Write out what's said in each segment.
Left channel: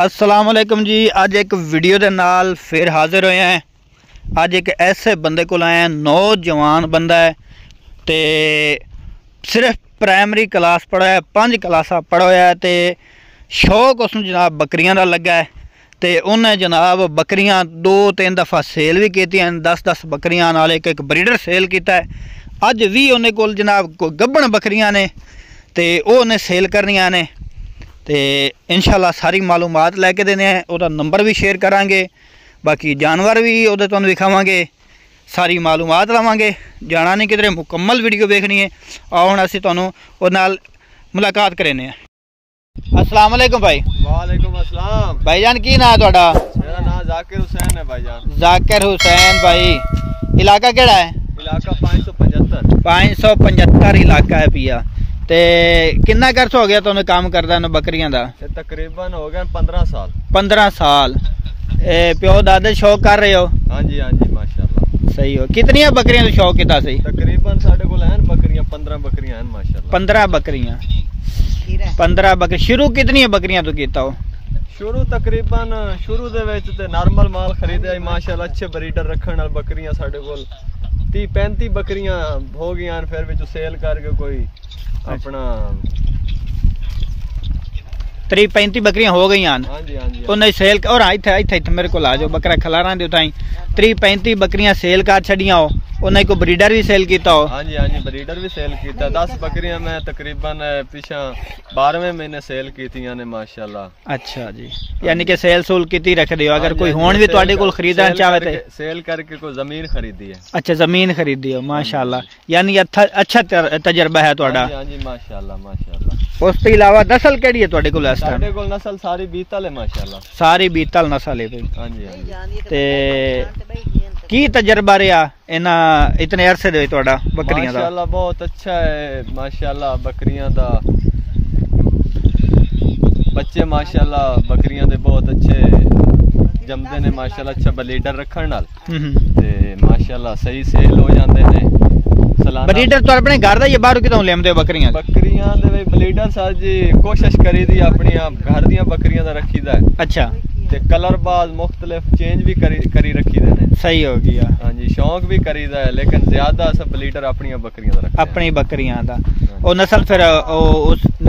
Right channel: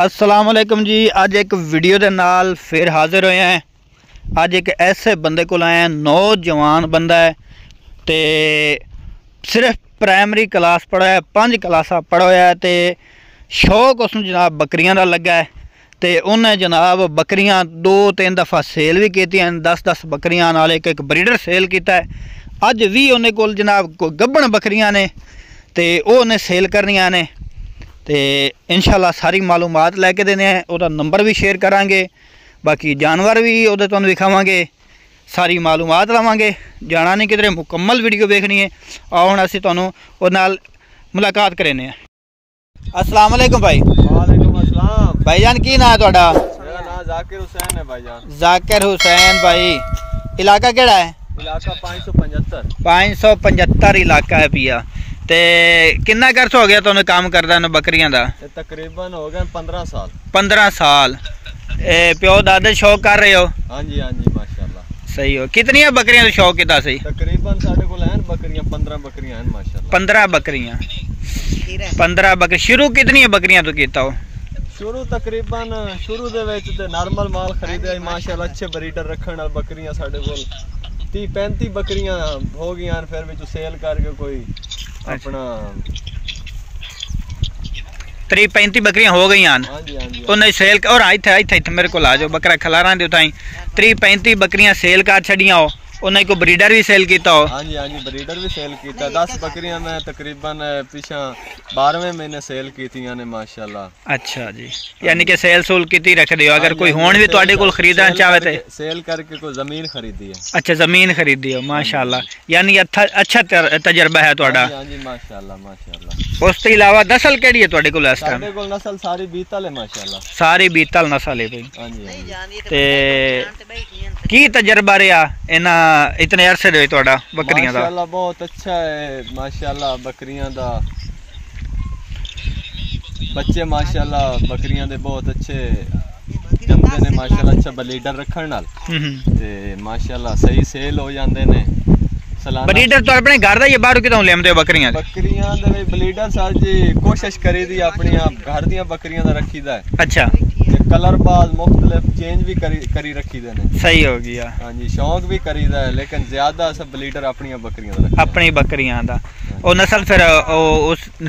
अस्सलाम वालेकुम जी। अज एक वीडियो के नाल फिर हाजिर होए हैं। अज एक ऐसे बंदे को आए हैं, नौजवान बंदा है तो सिर्फ प्राइमरी क्लास पढ़ा है, 5 क्लासा पढ़ा होया है तो शौक उसनूं जनाब बकरियां दा लगा है तो उन्हें जनाब बकरियां 2-3 दफ़ा सेल भी कीतियां, 10-10 बकरियां नाल एक ब्रीडर सेल किया है। अज भी उन्हें कोल जनाब कोई गब्बण बकरियां ने तो वो उन्हें सेल करनियां ने तो इंशाल्लाह सारी मालूमात लैके देने हैं। उसका नंबर भी शेयर करांगे, बाकी जानवर भी वो तुहानूं दिखावांगे, सारी मालूमात लवांगे। जाना नहीं किधरे, मुकम्मल वीडियो देखनी है। आओ हुण असीं तुहानूं उहदे नाल मुलाकात करने हैं। अस्सलाम वालेकुम भाई। वालेकुम अस्सलाम भाईजान, की नाम है तुहाडा? मेरा नाम जाकिर हुसैन है भाईजान। जाकिर हुसैन भाई, इलाका केड़ा है? इलाका 575 575 इलाका है पिया। ते कितना कर्स हो गया तुहानूं काम करदा न बकरियां दा? तकरीबन हो गए 15 साल। 15 साल। प्यो दादे शौक कर रहे हो? हाँ जी माशाल्लाह। सही हो। कितनी बकरियां का शौक किता सी? तकरीबन साडे कोल हैं बकरियां 15 बकरियां हैं माशाल्लाह। 15 बकरियां। 15 बकरी। शुरू कितनी बकरियां तो कीता हो? शुरू तकरीबन शुरू दे विच ते नॉर्मल माल खरीदे माशाल्लाह, अच्छे ब्रीडर रखण नाल बकरियां साडे कोल 30-35 बकरियां हो गईयां। फिर विच सेल करके कोई अपना 30-35 बकरियां हो गई। हाँ जी उन्हें सेल और इत्थे मेरे को आ जाओ, बकरा खलारा दे उताई 30-35 बकरियां सेल कर छड़ियां हो। उन्हें को ब्रीडर भी सेल किया हो? हाँ जी ब्रीडर भी सेल किया। 10 बकरियां मैं तकरीबन पिछा 12वें महीने सेल कीतियां ने माशाल्लाह। अच्छा जी, यानी कि सेल सूल की रख दियो। अगर कोई होन भी तुहाडे कोल खरीदना चाहे तो सेल करके कोई जमीन खरीदी है। अच्छा, जमीन खरीदी हो माशाल्लाह, यानी अच्छा तजर्बा है तुहाडा। हाँ जी माशाल्लाह। उस तो इलावा नस्ल केड़ी है तुहाडे कोल इस टाइम? साडे कोल नस्ल सारी बीतल है माशाल्लाह। सारी बीतल नस्ल है भाई। हाँ जी ते की तजर्बा रहा इन्ना इतने अरसे दे तुहाडा बकरियां दा? माशाल्लाह बहुत अच्छा है माशाल्लाह। बकरियां दा बच्चे माशाल्लाह बकरियां दे बहुत अच्छे जमदे ने माशाल्लाह। अच्छा ब्रीडर रखण नाल ते माशाल्लाह सही सेल हो जांदे ने। ब्रीडर तो अपने घर दा या बाहर कितों लेंदे बकरियां? बकरियां दे ब्रीडर सर जी कोशिश करी दी अपनी आप घर दियां बकरियां दा रखीदा है। अच्छा, ते कलर बाज मुख्तलिफ चेंज भी करी रखी दे ने। सही हो गया। हाँ जी, शौक भी करीदा है लेकिन ज्यादा सब ब्रीडर अपनी बकरियां दा रखते। अपनी बकरियां दा और नस्ल फिर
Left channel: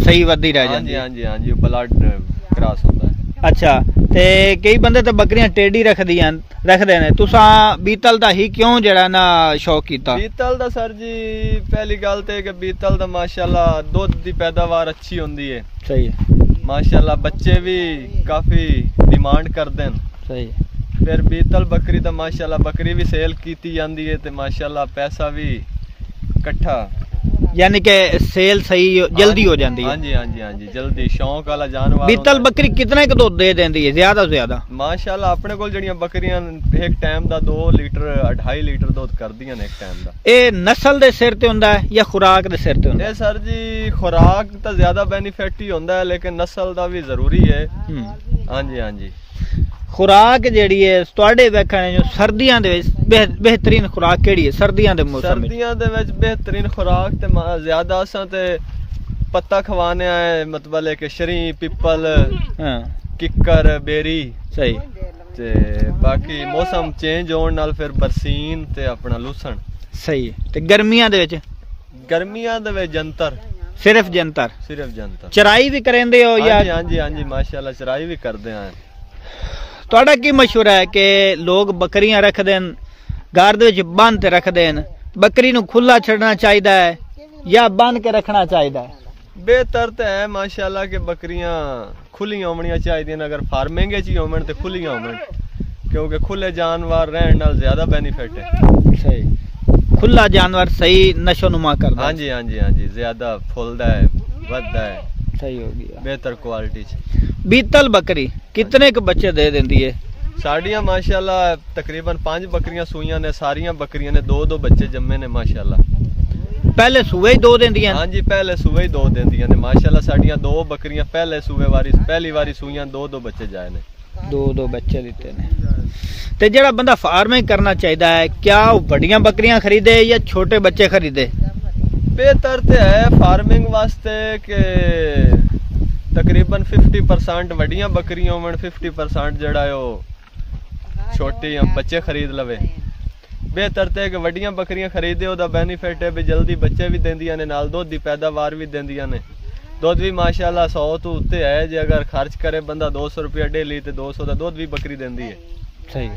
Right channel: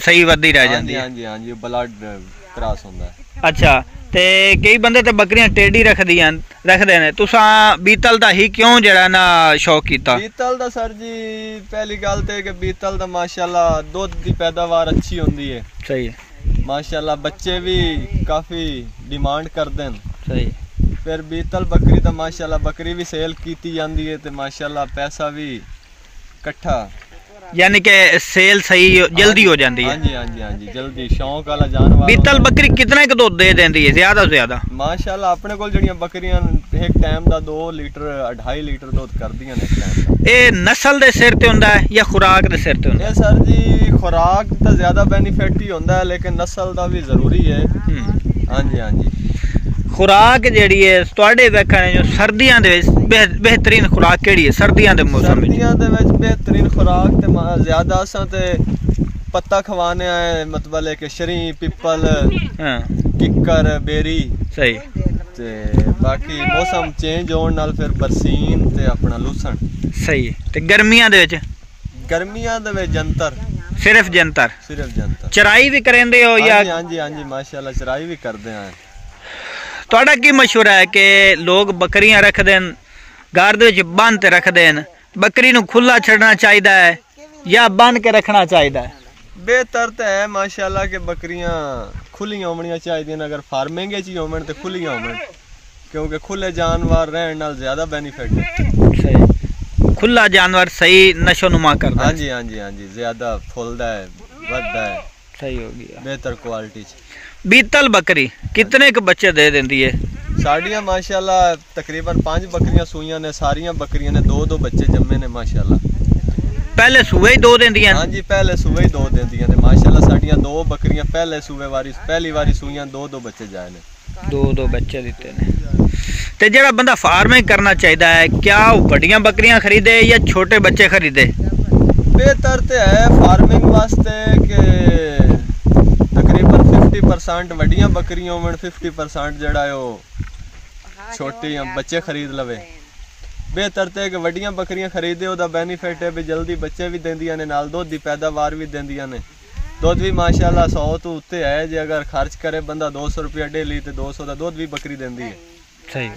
सही वधी रह जाती है। हाँ जी ब्लड क्रॉस होता है। अच्छा, ते कई बंदे ते बकरियां टेढ़ी रखदे ने, तुसा बीतल दा ही क्यों जड़ा ना शौक कीता? बीतल दा सर जी पहली गल ते कि बीतल दा माशाल्लाह दूध दी पैदावार अच्छी होंदी है। सही है माशाल्लाह, बच्चे भी काफी डिमांड करदे न। सही। फिर बीतल बकरी दा माशाल्लाह बकरी भी सेल कीती जांदी है ते माशाल्लाह पैसा भी इकट्ठा, यानी कि सेल सही जल्दी हो जाती है। हाँ जी जल्दी। शौक वाला जानवर। बीतल बकरी कितने का दूध दे देंदी है ज्यादा से ज्यादा? माशाल्लाह अपने कोल जड़ियां बकरियां एक टाइम दा 2 लीटर 2.5 लीटर दूध करदियां ने एक टाइम दा। ए नस्ल दे सिर ते हुंदा है या खुराक दे सिर ते हुंदा है? ए सर जी खुराक दा ज्यादा बेनिफिट ही हुंदा है लेकिन नस्ल दा भी जरूरी है। हाँ जी खुराक जेड़ी है तुहाडे वेखण जो सर्दियां दे बेहतरीन खुराक केड़ी है? सर्दियां दे मौसम में सर्दियां दे विच बेहतरीन खुराक ते ज्यादा असां ते पत्ता खवाने आए, मतलब है कि शरी पिपल, किक्कर, बेरी। सही। ते बाकी मौसम चेंज होने नाल फिर बरसीन ते अपना लूसन। सही। ते गर्मियां दे विच? गर्मियां दे विच जंतर। सिर्फ जंतर? सिर्फ जंतर। चराई भी करेंदे हो या? हाँ जी माशाल्लाह चराई भी करदे हैं। तुहाडा की मशवरा है कि लोग बकरियां रखदे न घर दे विच बंद ते रखदे न, बकरी नूं खुला छड़ना चाहिदा है या बंद के रखना चाहिदा है? बेहतर तो है माशाल्लाह के बकरियां खुलियां होनियां चाहिए। अगर फार्मिंग च ही होवन तो खुलियां होवन, क्योंकि खुले जानवर रहने नाल ज्यादा बेनिफिट है। सही। खुला जानवर सही नशो नुमा करदा है। हाँ जी ज्यादा फुलदा है, वधदा है। सही हो गया। बेहतर क्वालिटी च। बीतल बकरी कितने के बच्चे दे देंदी है? साड़ियां माशाल्लाह तकरीबन 5 बकरियां सूइयां ने, सारियां बकरियां ने 2-2 बच्चे जम्मे ने माशाल्लाह। पहले सूबे ही 2 देंदियां? हाँ जी पहले सूबे ही 2 देंदियां ने माशाल्लाह। साड़ियां 2 बकरियां पहले सूबे वारी पहली वारी सूइयां 2-2 बच्चे जाए ने। 2-2 बच्चे दिते ने। ते जेड़ा बंदा फार्मिंग करना चाहता है, क्या वो बड़ियां बकरियां खरीदे या छोटे बच्चे खरीदे? बेहतर तो है फार्मिंग वास्ते के तकरीबन 50% ਵੱਡੀਆਂ ਬੱਕਰੀਆਂ ਹੋਣ 50% ਜਿਹੜਾ ਉਹ ਛੋਟੀਆਂ ਬੱਚੇ ਖਰੀਦ ਲਵੇ। ਬਿਹਤਰ ਤੇ ਕਿ ਵੱਡੀਆਂ ਬੱਕਰੀਆਂ ਖਰੀਦੇ, ਉਹਦਾ ਬੈਨੀਫਿਟ ਹੈ ਵੀ ਜਲਦੀ ਬੱਚੇ ਵੀ ਦਿੰਦੀਆਂ ਨੇ, ਨਾਲ ਦੁੱਧ ਦੀ ਪੈਦਾਵਾਰ ਵੀ ਦਿੰਦੀਆਂ ਨੇ। ਦੁੱਧ ਵੀ ਮਾਸ਼ਾਅੱਲਾ 100 ਤੋਂ ਉੱਤੇ ਹੈ, ਜੇ ਅਗਰ ਖਰਚ ਕਰੇ ਬੰਦਾ 200 ਰੁਪਏ ਡੇਲੀ ਤੇ 200 ਦਾ ਦੁੱਧ ਵੀ ਬੱਕਰੀ ਦਿੰਦੀ ਹੈ। ਸਹੀ।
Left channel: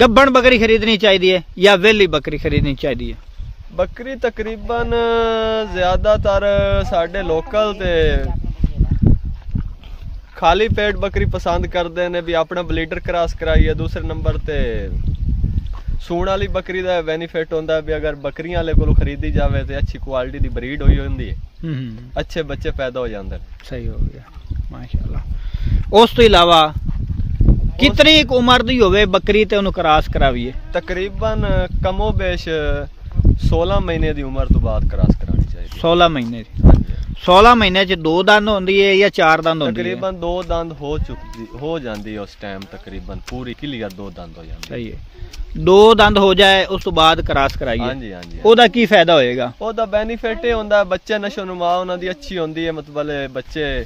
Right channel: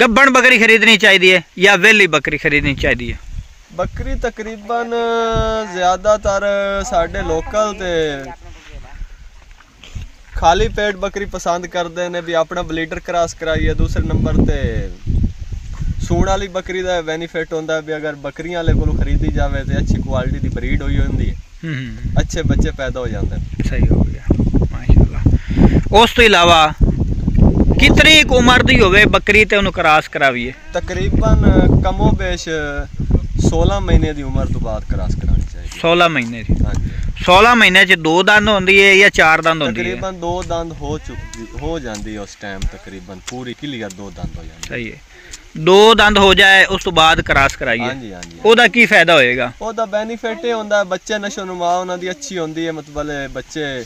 ਗੱਭਣ ਬੱਕਰੀ ਖਰੀਦਣੀ ਚਾਹੀਦੀ ਹੈ ਜਾਂ ਵੇਲੀ ਬੱਕਰੀ ਖਰੀਦਣੀ ਚਾਹੀਦੀ ਹੈ? ਬੱਕਰੀ ਤਕਰੀਬਨ ਜ਼ਿਆਦਾਤਰ ਸਾਡੇ ਲੋਕਲ ਤੇ ਖਾਲੀ ਪੇਟ ਬੱਕਰੀ ਪਸੰਦ ਕਰਦੇ ਨੇ ਵੀ ਆਪਣਾ ਬਲੀਡਰ ਕ੍ਰਾਸ ਕਰਾਈਏ। ਦੂਸਰੇ ਨੰਬਰ ਤੇ ਸੂਣ ਵਾਲੀ ਬੱਕਰੀ ਦਾ ਬੈਨੀਫਿਟ ਹੁੰਦਾ ਵੀ ਅਗਰ ਬੱਕਰੀਆਂ ਵਾਲੇ ਕੋਲੋਂ ਖਰੀਦੀ ਜਾਵੇ ਤੇ ਅੱਛੀ ਕੁਆਲਿਟੀ ਦੀ ਬਰੀਡ ਹੋਈ ਹੁੰਦੀ ਹੈ, ਅੱਛੇ ਬੱਚੇ ਪੈਦਾ ਹੋ ਜਾਂਦੇ ਨੇ। ਸਹੀ ਹੋ ਗਿਆ ਮਾਸ਼ਾਅੱਲਾ। ਉਸ ਤੋਂ ਇਲਾਵਾ ਕਿਤਨੀ ਕੁ ਉਮਰ ਦੀ ਹੋਵੇ ਬੱਕਰੀ ਤੇ ਉਹਨੂੰ ਕ੍ਰਾਸ ਕਰਾਵੀਏ? ਤਕਰੀਬਨ ਕਮੋ ਬੇਸ਼ 16 ਮਹੀਨੇ ਦੀ ਉਮਰ ਤੋਂ ਬਾਅਦ ਕ੍ਰਾਸ ਕਰਾਉਣੀ ਚਾਹੀਦੀ। 16 ਮਹੀਨੇ ਦੀ? 16 ਮਹੀਨੇ ਚ 2 ਦੰਦ ਹੁੰਦੀ ਹੈ ਜਾਂ 4 ਦੰਦ ਹੁੰਦੀ ਹੈ? ਤਕਰੀਬਨ 2 ਦੰਦ ਹੋ ਜਾਂਦੀ ਹੈ ਉਸ ਟਾਈਮ, ਤਕਰੀਬਨ ਪੂਰੀ ਕਲੀਅਰ 2 ਦੰਦ ਹੋ ਜਾਂਦੀ। ਸਹੀ ਹੈ। 2 ਦੰਦ ਹੋ ਜਾਏ ਉਸ ਤੋਂ ਬਾਅਦ ਕ੍ਰਾਸ ਕਰਾਈਏ? ਹਾਂਜੀ ਹਾਂਜੀ। ਉਹਦਾ ਕੀ ਫਾਇਦਾ ਹੋਏਗਾ? ਉਹਦਾ ਬੈਨੀਫਿਟ ਇਹ ਹੁੰਦਾ ਬੱਚੇ ਨਸ਼ੋ ਨੁਮਾ ਉਹਨਾਂ ਦੀ ਅੱਛੀ ਹੁੰਦੀ ਹੈ, ਮਤਲਬ ਬੱਚੇ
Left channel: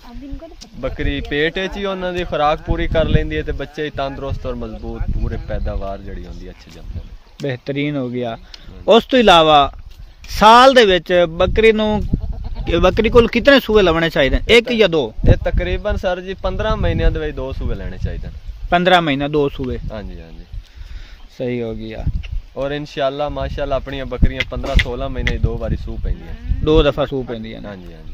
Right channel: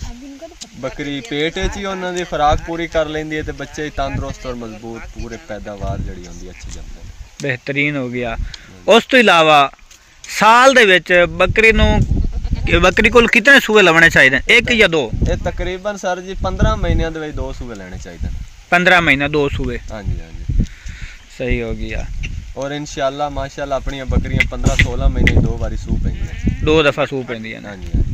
ਬੱਕਰੀ ਪੇਟ ਵਿੱਚ ਹੀ ਉਹਨਾਂ ਦੀ ਖੁਰਾਕ ਪੂਰੀ ਕਰ ਲੈਂਦੀ ਹੈ ਤੇ ਬੱਚੇ ਤੰਦਰੁਸਤ ਔਰ ਮਜ਼ਬੂਤ ਪੂਰੇ ਪੈਦਾਵਾਰ ਜਿਹੜੀ ਹੁੰਦੀ ਅੱਛੀ ਜੰਮਦੇ ਨੇ। ਬਿਹਤਰੀਨ ਹੋ ਗਿਆ। ਉਸ ਤੋਂ ਇਲਾਵਾ ਸਾਲ ਦੇ ਵਿੱਚ ਬੱਕਰੀ ਕੋਲ ਕਿਤਨੇ ਸੂਏ ਲਾਉਣੇ ਚਾਹੀਦੇ? 1 ਜਾਂ 2? ਇਹ ਤਕਰੀਬਨ ਸਰ ਜੀ 15 ਮਹੀਨਿਆਂ ਦੇ ਵਿੱਚ 2 ਸੂਏ ਲੈਣੇ ਚਾਹੀਦੇ ਨੇ। 15 ਮਹੀਨੇ 2 ਸੂਏ? ਹਾਂਜੀ ਹਾਂਜੀ। ਸਹੀ ਹੋ ਗਿਆ। ਔਰ ਇਨਸ਼ਾਅੱਲਾ ਮਾਸ਼ਾਅੱਲਾ ਆਪਣੀਆਂ ਬੱਕਰੀਆਂ 15-16 ਮਹੀਨੇ 2 ਵਾਰੀ ਸੂ ਪੈਂਦੀਆਂ, 2 ਦਫਾ ਸੂ ਪੈਂਦੀਆਂ। ਹਾਂਜੀ ਹਾਂਜੀ।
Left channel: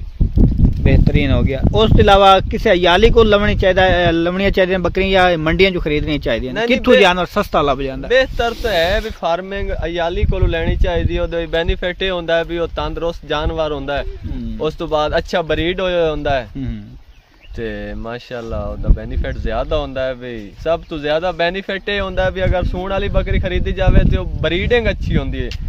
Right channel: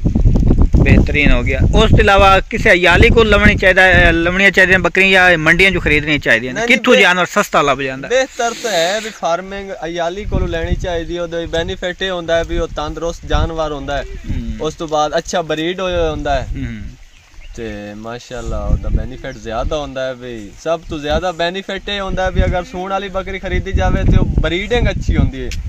बेहतरीन हो गया। उस तो इलावा किसी अयाली को लवनियां चाहिए बकरियां या मंडियां जो खरीदनी चाहिए? कित्थों जानवर सस्ता लभ जांदा? बेहतर तो है भी फार्मिंग अयाली को लेनी चाहिए। ओदे बेनिफिट ये होंदा है भी वो तंदुरुस्त जानवर होंदा है, उस तो बाद अच्छा ब्रीड होंदा है ते माशाअल्लाह ओदा बेनिफिट ज्यादा होंदा है। भी सब तो ज्यादा बेनिफिट ये होंदा है भी अगर सूण वाली बकरी खरीदी जावे तो ब्रीडिंग अच्छी होंदी है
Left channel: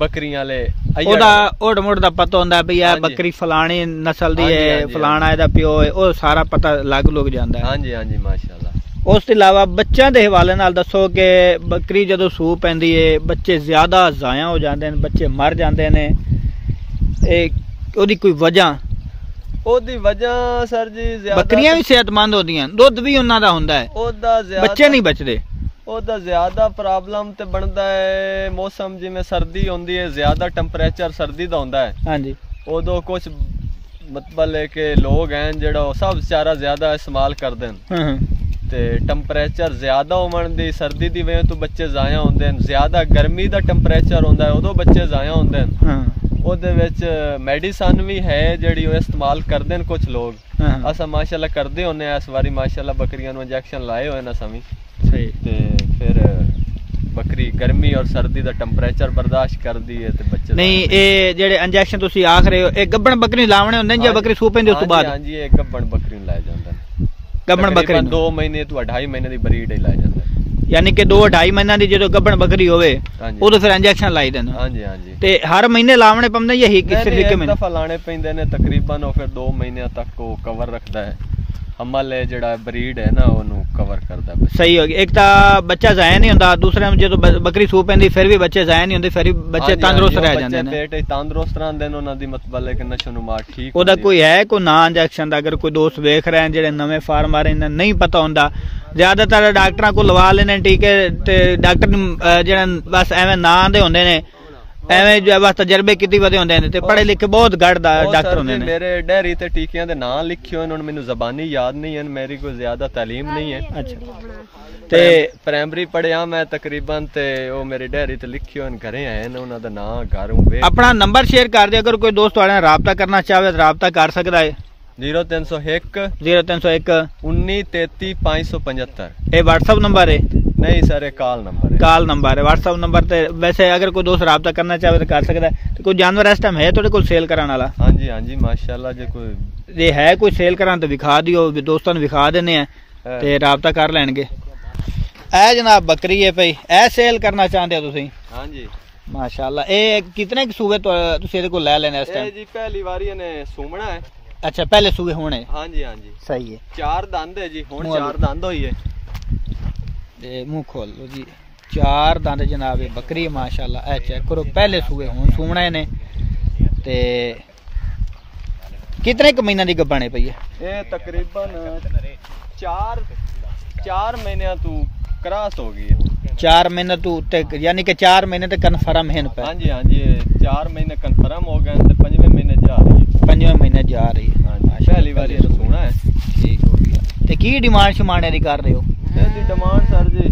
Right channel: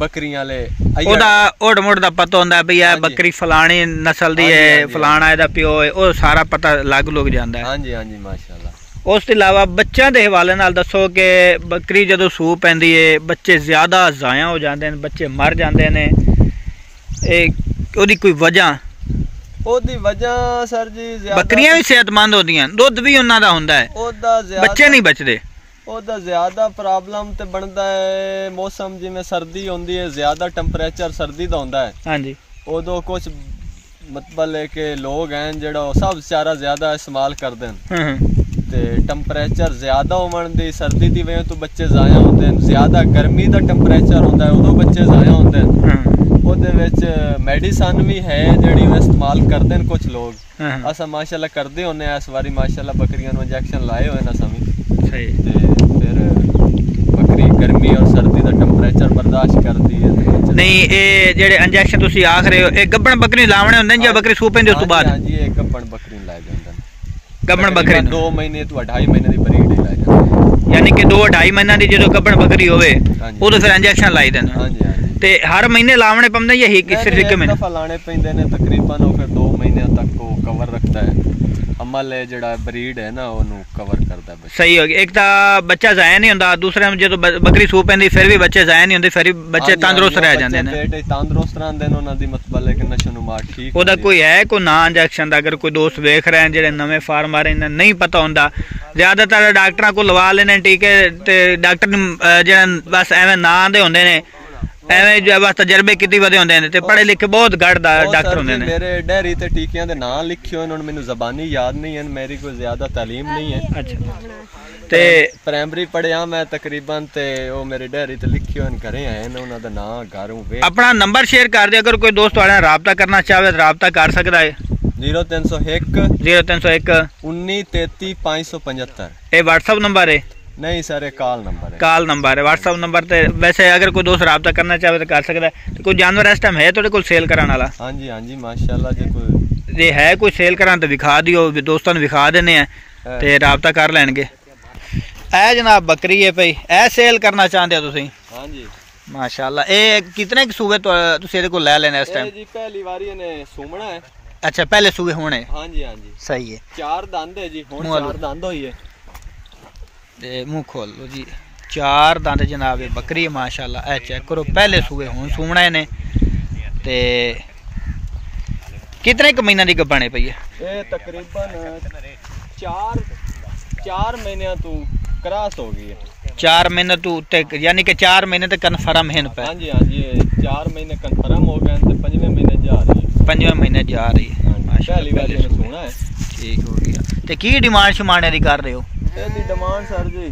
बकरियां ले। ओदा ओड मोड दा पता होंदा है भी ये बकरी फलानी नस्ल दी है, फलाना एदा प्यो है, ओ सारा पता लग जांदा है। हां जी हां जी माशाअल्लाह। उस तो इलावा बच्चों के हवाले नाल दसो कि बकरी जदों सूह पैंदी है बच्चे ज्यादा जाया हो जाते हैं, बच्चे मर जाते हैं, ओदी कोई वजह? ओदी वजह सर जी ज्यादा बकरियां भी सेहतमंद होंदियां, दुध भी उन्हां दा हुंदा है, ओदा ज्यादा बच्चे नहीं बचदे। ओदा ज्यादा प्रॉब्लम ते बनदा है मौसम जिवें सर्दी होंदी है, ज्यादा टेंपरेचर सर्दी दा होंदा है। हां जी। ओदो कुछ मतलब है कि लोग हैं जेड़ा सब चारा ज्यादा इस्तेमाल करदे न ते टेंपरेचर ज्यादा होवन दी सर्दी दी वजह तो बच्चे जाया होंदे न। ज्यादा गर्मी दा टेंपरेचर होंदा है उदो बच्चे जाया होंदे न। ओदे विच मेडिसिन भी है जेड़ी वो इस्तेमाल करदे न कुछ लोग। असा माशाल्लाह करदे होने इस बारी माशाल्लाह बकरियां नु इंजेक्शन लाए होए न सभी। सही। ते फिर बकरी गर्मी और सर्दी दा टेंपरेचर बर्दाश्त करदी है ते बच्चे नहीं। ए जेड़े इंजेक्शन तुसी आख रहे हो ए गब्बन बकरी लावणे होंदे न या बकरी सूह पैंदी उस तो बाद? हां जी ए गब्बन बकरी लाए जांदे न। गब्बन बकरी 2 महीने तो 2.5 महीने दी ब्रीड ही लाए जांदे, यानी कि 2-2.5 महीना दी जो गब्बन बकरी होवे उदो फिर इंजेक्शन लाई देन। हां जी हां जी। ते हर महीने लावणे पौंदे या ही किसी तरीके में? दफा लाने पैंदे ने तकरीबन और फिर 2 महीने तक को कवर रखता है। अमल है जेड़ा ब्रीड है ना ओनू कवर करदा है। सही हो गया। एक ता बच्चा जाया नहीं हुंदा, दूसरे में जो बकरी सूह पैंदी फिर भी बच्चे जाया नहीं हुंदे, फिर भी बच्चे तंदुरुस्त रह जांदे ने, पेट तंदुरुस्त रहंदे ने, उन्हां दी मतलब है कि नशो नुमा ठीक। ओदा कोई है कोई ना इंजेक्शन दा? अगर कोई दोस्त देख रहे हैं जेड़े नवे फार्म आ रहे हैं नहीं पता हुंदा, ज्यादातर डॉक्टरां को लवा लेने टीके ते डॉक्टर जेड़ा बस एवें नां दे हुंदे ने, एवें जो बस तजर्बे किते वदे हुंदे ने ते पढ़े लिखे बहुत घट डॉक्टर हुंदे ने। मेरे डेयरी ते टीकियां दे नां लिखे होए न, मैनू ज़बानी याद नहीं है, मेरी कोई ज्यादा तालीम नहीं है। अच्छा। ते प्राइमरी पढ़िया मैं तकरीबन ते ओ मेरी डेयरी ते लिखे होए न, घरे आए न, उन्हां दा नां घर होवे। अपना नंबर शेयर कर दे, अगर कोई दोस्त वाले राबता करना चाहे तो राबता कर सकदा है। 0301 1933 575। ये व्हाट्सएप नंबर है? नहीं सर ये कॉल नंबर है। कॉल नंबर है, व्हाट्सएप नंबर ते वैसे अगर कोई दोस्त राबता करना चाहे तो कर सकता है। तो कोई जानवर इस टाइम है थोड़े कोल सेल कराने वाला? हाँ जी माशाल्लाह जे कोई ये है कोई सेल कराना तो विखा दियो, दोस्तों ने विखा देने हैं ते राबता कर लेंगे। ए जनाब बकरी है भाई, ए सेल करना चाहते हो तुसी? हाँ जी माशाल्लाह। ए कितने के सूबे तो तुसी इहदे कोल ले लेने इस टाइम? जी पहली बारी ने सूमना है। अच्छा पहले सूबे होने? हाँ जी सही है। 4 दंद है जी, हुण 4 दंद होई है। ते मुंह खोल लो जी, 4 दंद जनाब बकरी है माशाल्लाह। ए चेक करो पहले सूबे हुण सूमना ने ते कितने क महीना दी गब्बण पई है? ये तकरीबन 4 महीने तू क्रॉस हो गई है। 4 महीने तू उत्ते यानी कि 4 महीने ते कन्फर्म है पे? हाँ जी 4 महीने कन्फर्म हो गए ते 5वें महीने जा रही है। 5वें महीने जा रही है। पहली बार ये सुना है। ठीक हो गया। ते की डिमांड शमाने दी कर रहे हो? ਇਹਦੀ ਡਿਮਾਂਡ ਸਰ ਜੀ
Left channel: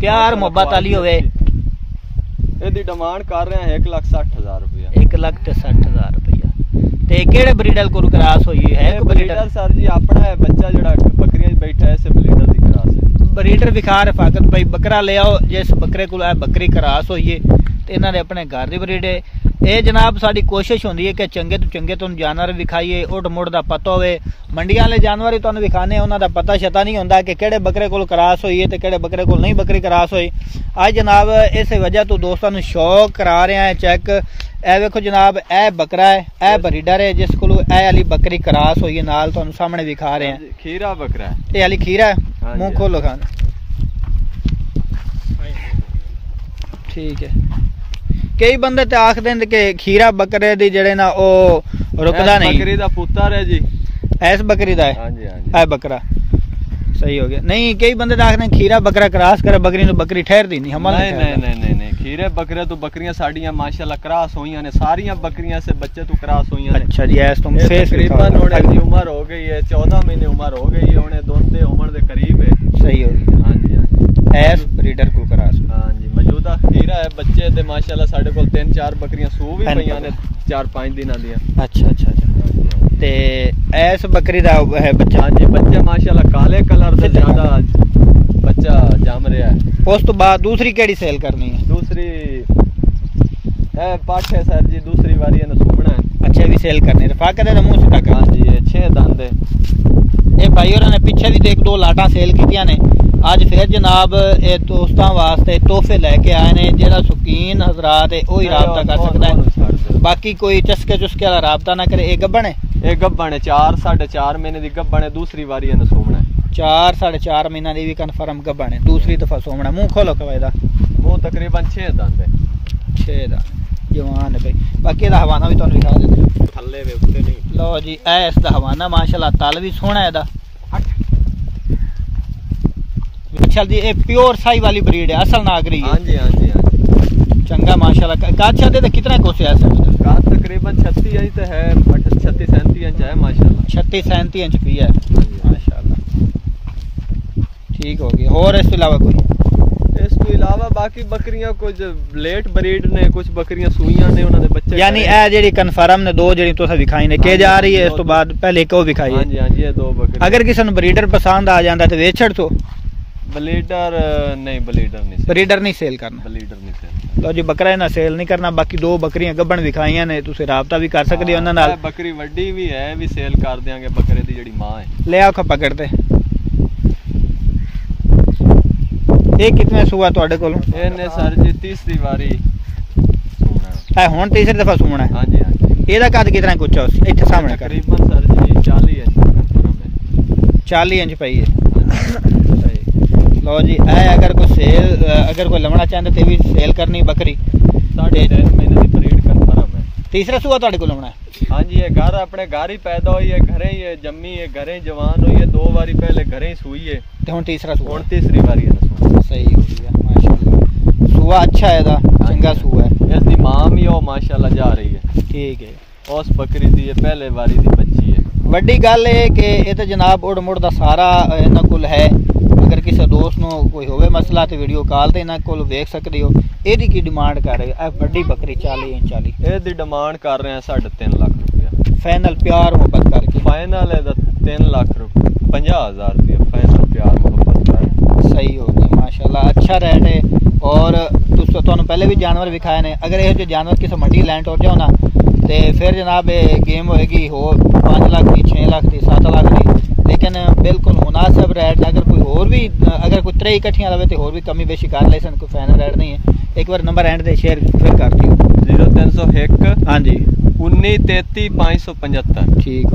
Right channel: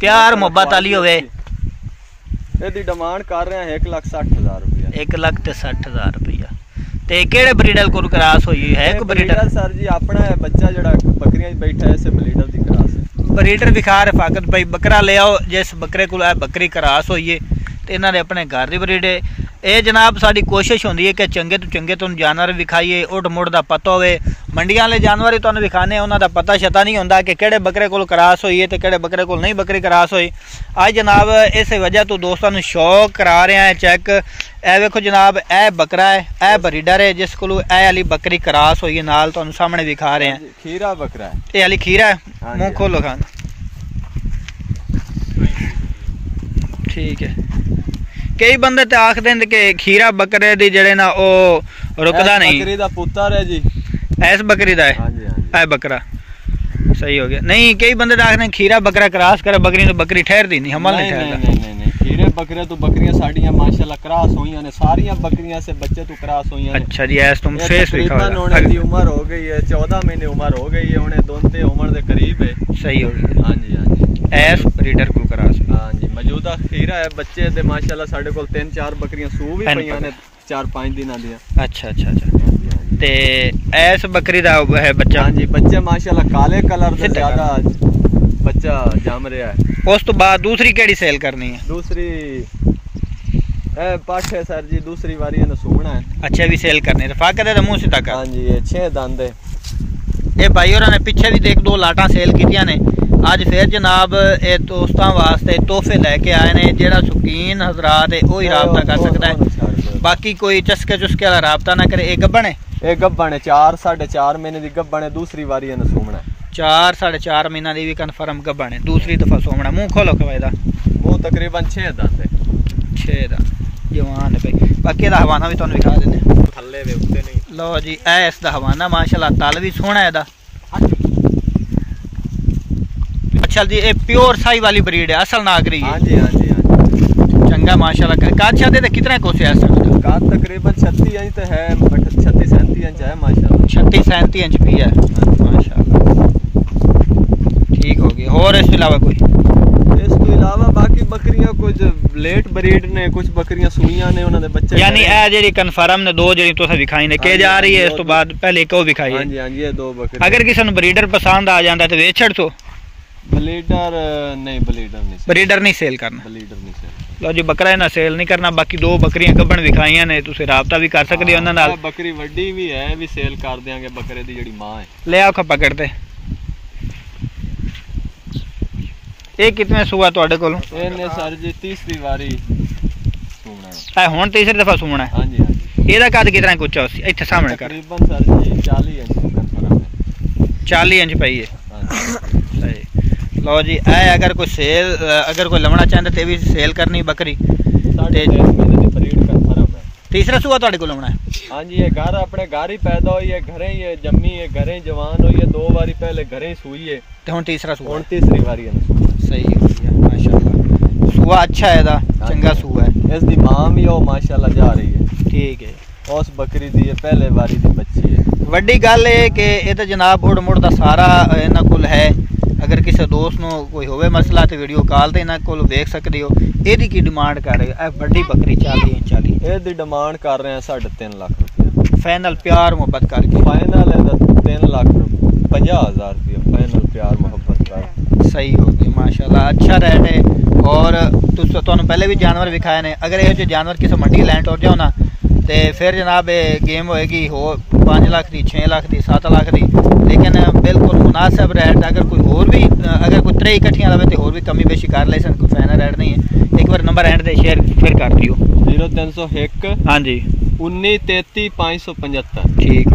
प्यार मोहब्बत वाली होवे। ਇਹਦੀ ਡਿਮਾंड ਕਰ ਰਹੇ ਹਾਂ 1,60,000 रुपया। 1,60,000 रुपया। ते केड़े ब्रीडर को क्रॉस हुई है? को ब्रीडर सर जी अपना है बच्चा जड़ा बकरियां बैठा है ऐसे ब्रीडर दी क्रॉस। ब्रीडर विखा रफाकत भाई बकरा ले आओ, जिस बकरे को बकरी क्रॉस होई है ते इन्हां दे अपने घर दी ब्रीड है। ये जनाब साड़ी कोशिश होंदी है कि चंगे तो चंगे तुम जानवर विखाइए, उठ मुड़ दा पता होवे। मंडियां वाले जानवर ही तुहानू विखाने उन्हां दा पता शता नहीं होंदा कि केड़े बकरे कोल क्रॉस होई है ते केड़े बकरे कोल नहीं बकरी क्रॉस होई। अज जनाब इस वजह तो दोस्तों नू शौक करा रहे हैं चेक। ए वेखो जनाब ए बकरा है, ए ब्रीडर है जिस कोल ए वाली बकरी क्रॉस होई है, नाल तुहानू सामने विखा रहे हैं। खीरा बकरा है, ये वाली खीरा है। मुंह खोलो खान। ठीक है। कई बंदे ते आखदे ने कि खीरा बकरे दी जड़े ना ओ रुकदा नहीं। बकरी दा पुत्तर है जी। ऐस बकरी दा है? हां जी हां जी। ए बकरा सही हो गया। नहीं कई बंदे ते आखदे खीरा बकरा क्रॉस करे बकरी तो बकरी ठहरदी नहीं, हमल नहीं ठहरदा। नहीं खीरे बकरे तो बकरियां साडियां माशाल्लाह क्रॉस होईयां ने, सारियां बकरियां से बच्चे तो क्रॉस होईयां ने। अच्छा जी ऐस तुम फेस लिखा हुआ है। उम्र हो गई है 14 महीने उम्र हो गई है, उन्हें दोनों उम्र दे करीब है। सही हो गया। हां जी हां जी। ऐस ब्रीडर को क्रॉस। हां जी मौजूदा खीरा है बच्चे ते माशाल्लाह साडे कोल 3-4 बकरियां सू भी पईयां ने 4-5 दिनां दी। अच्छा अच्छा अच्छा। ते ऐस बकरी दा है बच्चा? हां जी बच्चे माशाल्लाह काले कलर से ज्यादा बच्चा जम रहा है। उस तो बाद दूसरी केड़ी सेल करनी है? दूसरी पाठ है सर जी, दूसरी बारी ने सूना है। अच्छा भी सेल करनी है। रफाकत है मुंह सीधा कर। हां जी ये 6 दंद है। ये भाई होरां ने पीछे भी देख 2 लाटां सेल कीतियां ने। अज फिर जनाब ये दोस्तां वास्ते तोहफे लेके आए ने। जेड़ा शौकीन हजरात है वही राबता कर सकता है, बाकी कोई चस्के चुस्के वाला राबता ना करे। ये गब्बण है? ये गब्बण है 4-4.5 महीने दी गब्बण है। दूसरी बारी ने सूना है। 4-4.5 महीना दी भी कन्फर्म गब्बण है, दूसरी दफा सोमना। मुंह खोलो खवाइदा। मुंह तकरीबन 6 दंद है। 6 दंद जवान है भाई। बाकी दा हवाना भी तुहानू दिखा देने। थल्ले वे उत्ते नहीं। लो जी ए इस दा हवाना माशाल्लाह तल भी सोहना है दा। अच्छा जी ये प्योर साई वाली ब्रीड है, असल नागरी है। हां जी हां जी चंगा माशाल्लाह। काद शादे ते कितना कोसे है असल? काद तकरीबन 36 इंच ते है, 36-37 इंच है माशाल्लाह। 36-37 इंच भी है माशाल्लाह। ठीक हो गया। और इसके अलावा कोई? इसके अलावा बाकी बकरियां कुछ लेट ब्रीड ने, कुछ बकरियां सूइयां ने, उन्हां दे बच्चे। यानी ए जेडी कन्फर्म ने 2 जेडी तुसा दिखाई ने के जा रही है, इस तो बाद पहले को दिखाई है। हां जी हां जी ये 2 बकरियां। अगर किसी ने ब्रीडर पसंद आ जांदा ते वेच छड़ तो? ब्रीडर नहीं ब्रीडर नहीं सेल करना। ब्रीडर नहीं सेल। लो जी बकरा ना सेल नहीं करना। बाकी 2 बकरियां गब्बण विखाइयां ने, तुसी राबता भी कर सकदे हो उन्हां नाल। बकरी वड्डी भी है, भी सेल कर देंगे। बकरे दी जेडी मां है ले आओ खा पकड़ते। ये कितने सुआ ਤੁਹਾਡੇ ਕੋਲ? ਇਹਨੇ ਸਰ ਜੀ तीसरी बारी सूना है। ਹੁਣ तीसरी दफा सूना है। हां जी हां जी। ਇਹਦਾ ਕੱਦ ਕਿਤਨਾ ਕੁ ਉੱਚਾ ਸੀ? ਇੱਥੇ ਸਾਹਮਣੇ ਕਰ। तकरीबन सर जी 40 इंच। 40 इंच पई है। सही। लो जी ए अगर कोई सेल अगर कोई लवना चाहता ते भी सेल करनी बकरी ते 3 महीने दी ब्रीड कन्फर्म है। तीसरा सुआ ਤੁਹਾਡੇ ਕੋਲ लवना है? हां जी ये घर अपने घर ही पैदा हुई है, घरे ही जम्मी है, घरे ही जवान हुई है। 2 बारी पहले घरे ही सूई है ते हुन तीसरा सुआ। हुन तीसरी बारी है। सही हो गया माशाल्लाह। सुआ अच्छा है दा, चंगा सुआ है। इसकी मां भी ओ माशाल्लाह जा रही है। ठीक है। उस बकरी दी ये पहले बारी दी बच्ची है। वड्डी गल है कि ये तो जनाब उड़ मुड़ दा सारा इन्हां कोल है। अगर किसी दोस्त नो कोई होवे मसला तो वीडियो कॉल ते इन्हां कोल देख सकदे हो। एदी की डिमांड कर रहे हो? ए बड़ी बकरी 40 इंच वाली एदी डिमांड कर रहे हैं 3.5 लाख रुपए फाइनल प्यार मोहब्बत करके। फाइनल है 3,50,000 रुपए फाइनल प्यार मोहब्बत कर। सही हो गई माशाल्लाह। अच्छा रेट है। और तुहानू पहले भी जानवर विखाए ने। अगर ये जानवर किसी मंडी लैंड हो जाओ ना तो फिर जनाब गेम होएगी हो 5 लाख की, 6 लाख की, 7 लाख की। लेकिन बिल्कुल मुनासिब रेट। अगर कोई होर भी अगर कोई 3 इकट्ठियां लवे तो होर भी कमी बेशी कर ले सन, कोई फाइनल रेट नहीं है। एक बार नंबर एंड से शेयर फिर कर दियो। 0301 हाँ जी 19 33 575। ठीक।